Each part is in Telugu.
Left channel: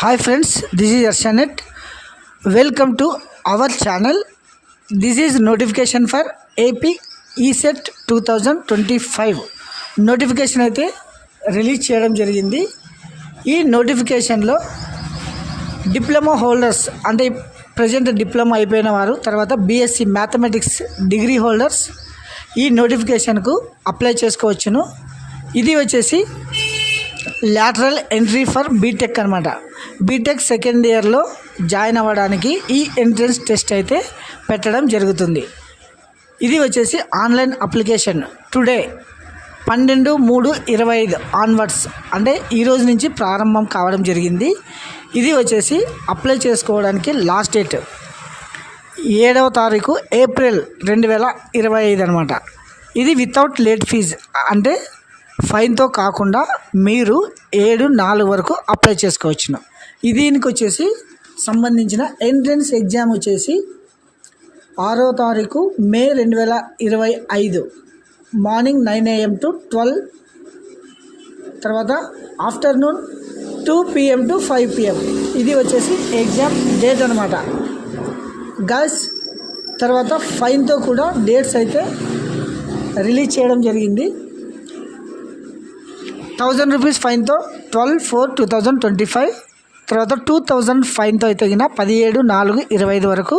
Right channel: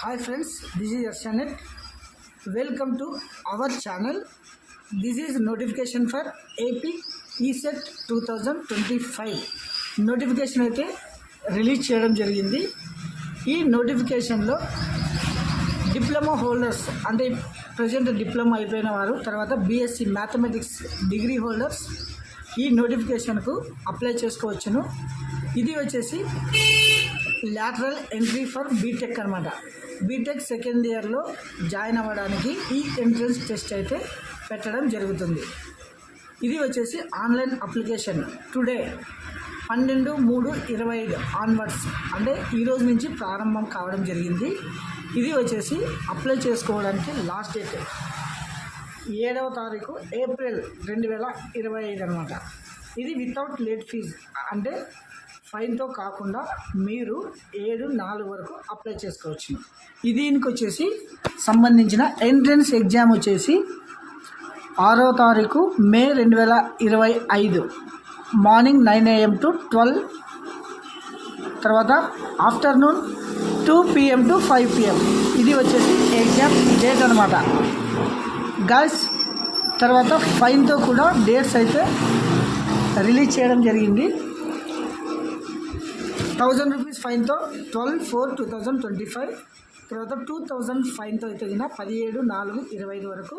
Hi friends, this is Arshanet. Welcome to our channel. This is notification for AP ESET 2025. Notification అయితే రిలీజ్ చేయడం జరిగింది. ఈ నోటిఫికేషన్లో డిప్లొమా హోల్డర్స్ అంటే ప్రజెంట్ డిప్లొమా అయిపోయిన వారు, తర్వాత బీఎస్సీ మ్యాథమెటిక్స్ డిగ్రీ హోల్డర్స్ ఈ నోటిఫికేషన్కు అప్లై చేసుకోవచ్చును. ఇది వచ్చేసి లాటరల్ ఎంట్రీ ఫర్ బీటెక్ అనమాట. బీటెక్ సెకండ్ ఇయర్లో జాయిన్ అవ్వడానికి ఈ ఎంట్రన్స్ టెస్ట్ అయితే పెట్టడం జరుగుతుంది. ఇది వచ్చేసి ఆన్లైన్ అప్లికేషన్ టుడే 12/3/25 ఆన్వర్డ్స్ అంటే ఈరోజు నుంచి ప్రారంభం కావడం జరిగింది. ఇది వచ్చేసి అప్లై చేసుకోవడానికి లాస్ట్ డేట్ 7వ తారీఖు ఏప్రిల్ 2025 అనమాట. ఇది వితౌట్ లేట్ ఫీజ్ అంటే ఫైన్తో కాకుండా మీరు 7/4 వరకు అప్లై చేసుకోవచ్చును. దీనికి వచ్చేసి సంబంధించిన ఎంట్రన్స్ ఎగ్జామ్ వచ్చేసి 6వ తారీఖు మే 2025 మార్నింగ్ 9 AM to 12, తర్వాత ఆఫ్టర్నూన్ 2 PM to 5 PM. ఇది వచ్చేసి ఎగ్జామ్ డేట్ అనమాట గైస్. తర్వాత ఫైన్తో కూడా డేట్స్ అయితే రిలీజ్ చేయడం జరిగింది. 1000 రూపీస్ ఫైన్తో 12/4/2025, తర్వాత 2000 ఫైన్తో అయితే 17/4/25 వరకు,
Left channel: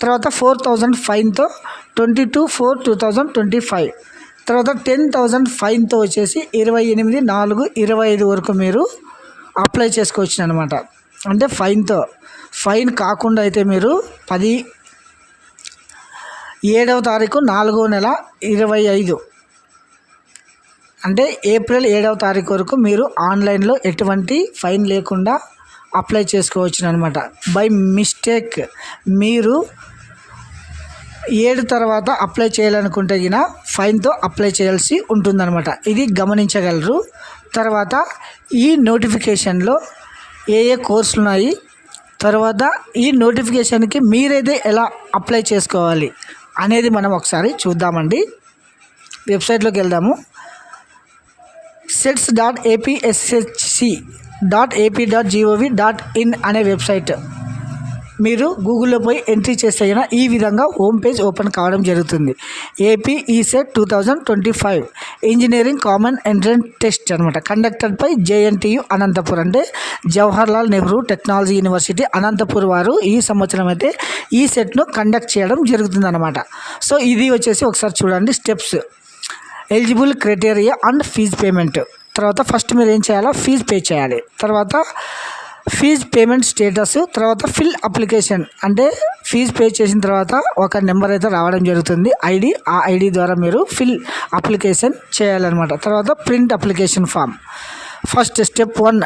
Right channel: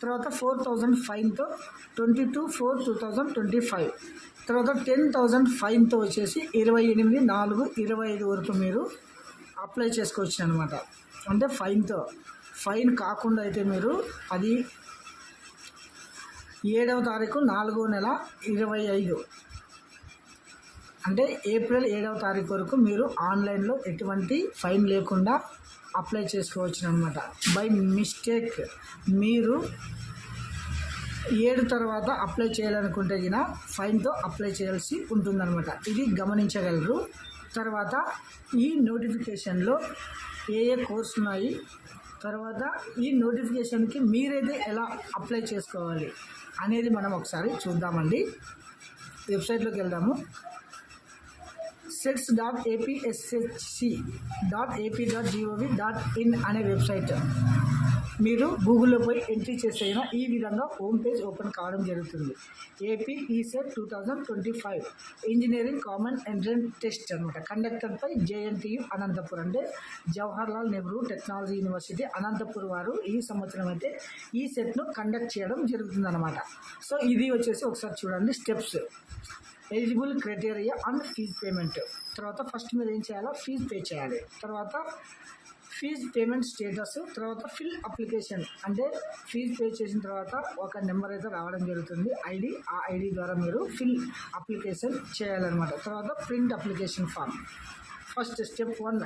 తర్వాత 4000 ఫైన్తో 22/4/2025, తర్వాత 10,000 ఫైన్తో వచ్చేసి 28/4/25 వరకు మీరు అప్లై చేసుకోవచ్చు అనమాట. అంటే ఫైన్ కాకుండా అయితే మీరు 7వ తారీఖు 4వ నెల 2025 అంటే ఏప్రిల్ 7వ తారీఖు వరకు మీరు ఆన్లైన్లో ఎటువంటి ఫైన్ లేకుండా అప్లై చేసుకోవచ్చు అనమాట. బై మిస్టేక్ మీరు 7 తర్వాత అప్లై చేయాలనుకుంటే ఫైన్తో అప్లై చేయాల్సి ఉంటుందన్నమాట. ఇది గమనించగలరు. తర్వాత ఈ నోటిఫికేషన్లో ఏ కోర్సులు ఉన్నాయి, తర్వాత ఈ నోటిఫికేషన్కి మీరైతే ఎలా అప్లై చేసుకోవాలి అనేది మనం ఒకసారి చూద్దామండి. వెబ్సైట్లోకి వెళ్దాము. sets.apsc.ap.gov.in అనే వెబ్సైట్ మీరు గూగుల్లో పోయి ఎంట్రీ చేస్తే ఈ విధంగా హోమ్ పేజ్ ఓపెన్ కావడం జరుగుతుంది. AP ECET 2025 engineering common entrance test అనమాట. కండక్టెడ్ బై జేఎన్టీయు అనంతపూర్ అంటే జవహర్లాల్ నెహ్రూ టెక్నాలజీ యూనివర్సిటీ అనంతపూర్ వారు ఈ సంవత్సరం అయితే ఈ సెట్ను కండక్ట్ చేయడం జరుగుతుంది అనమాట. సో ఇది వచ్చేసి ఒకసారి చూడండి steps, eligible criteria and fees payment. తర్వాత ఫస్ట్ మీరు ఏం చేయాలో ఫీజ్ పే చేయాలి. తర్వాత ఫీజ్ పేమెంట్ స్టేటస్, తర్వాత ఫిల్ అప్లికేషన్ అంటే ఫీజ్ పే చేసిన తర్వాత ఒక నెంబర్ అయితే రావడం జరుగుతుంది ఐడి. ఆ ఐడి ద్వారా మీరు ఫిల్ అప్లికేషన్ చేయాలన్నమాట. తర్వాత print application form. First step 1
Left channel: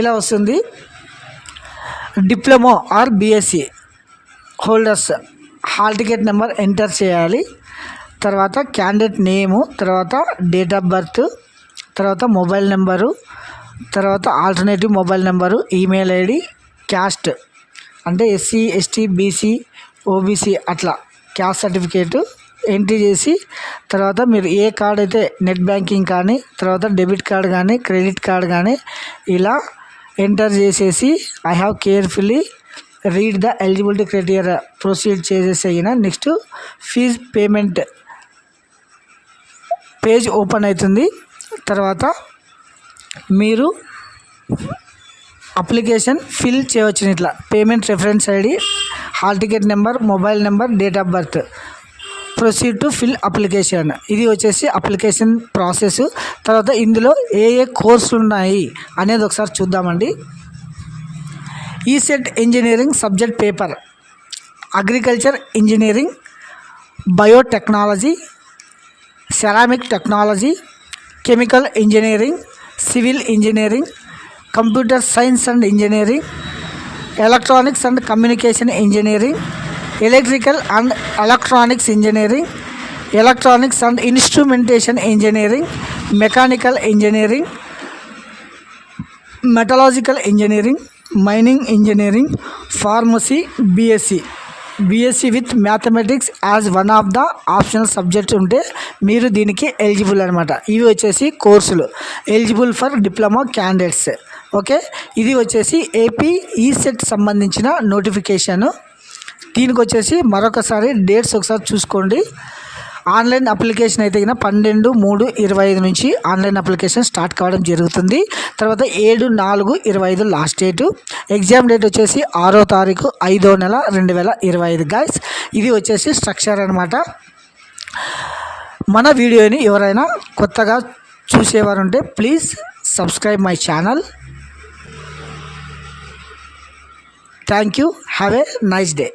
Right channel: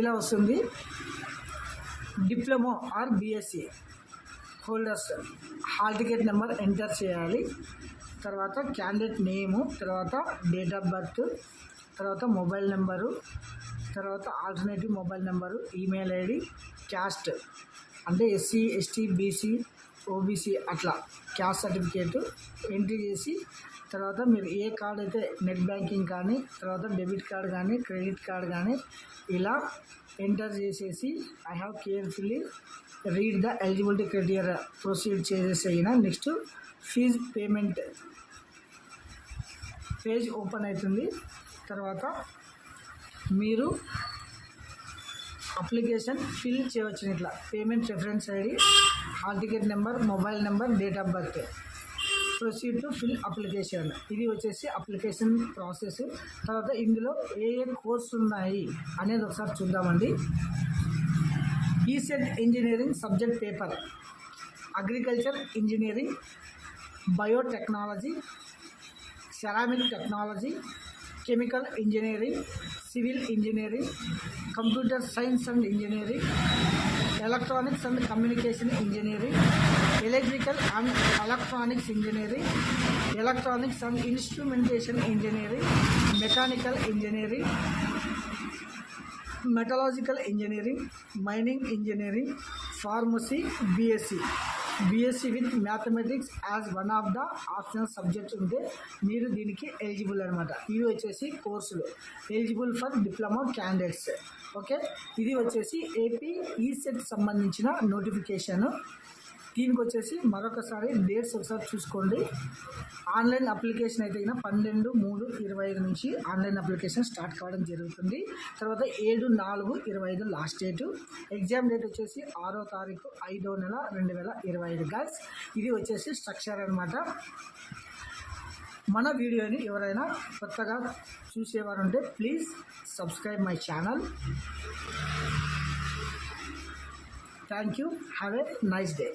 ఇలా వస్తుంది. Diploma or BSc holders hall ticket number enter చేయాలి. తర్వాత క్యాండిడేట్ నేము, తర్వాత డేట్ ఆఫ్ బర్త్, తర్వాత మొబైల్ నెంబరు, తర్వాత alternative mobile number, email ID, caste అంటే ఎస్సీ ఎస్టీ బీసీ ఓబీసీ అట్లా క్యాస్ట్ సర్టిఫికేటు ఎంట్రీ చేసి, తర్వాత మీరు ఏ కార్డ్ అయితే నెట్ బ్యాంకింగ్ కానీ, తర్వాత డెబిట్ కార్డ్ కానీ, క్రెడిట్ కార్డ్ కానీ ఇలా ఎంటర్ చేసేసి I have carefully read the eligibility criteria proceed చేసేసిన next fees payment page open అవుతుంది. తర్వాత మీరు అప్లికేషన్ ఫిల్ చేయవచ్చు. ఇట్లా payment reference ID, hall ticket number, mobile number, date of birth, proceed to fill application. ఇది వచ్చేసి అప్లికేషన్ ప్రాసెస్. తర్వాత ఇందులో ఏ కోర్సులు ఉన్నాయి అనేది ఒకసారి చూద్దామండి. ECET engineering subject paper, agriculture engineering, biotechnology, ceramic technology, chemical engineering, civil engineering, computer science and engineering, electronics and communication engineering, electrical and electronics engineering, electronics and instrumentation engineering, mechanical engineering, మెటలాజికల్ engineering, mining engineering, pharmacy BSc BSc with mathematics as one of the optional subjects ఉంటే మీరు దీనికి ఎలిజిబుల్ అనమాట. ఇవి వచ్చేసి కోర్సులు eligible for diploma candidates. Okay, ఇది వచ్చేసి ఏపీ ఈసెట్ సంబంధించిన నోటిఫికేషను. దీనికి వచ్చేసి మరొకసారి డేట్స్ ఒకసారి చూసుకోండి. ఆన్లైన్ అప్లికేషన్ అయితే కన్నా 12/3/25 నుంచి ఆన్లైన్ అప్లికేషన్ స్టార్ట్ కావడం జరుగుతుంది. తర్వాత 7/4/25 లాస్ట్ డేటు. ఎగ్జామ్ డేట్ వచ్చేసి 6వ తారీఖు 5వ నెల 2025 గైస్. ఇది వచ్చేసి స్ట్రక్చర్ అనమాట. మన వీడియోని ఎవరైనా కొత్తగా చూసేవారు ఉంటే please subscribe my channel. Thank you. Have a nice day.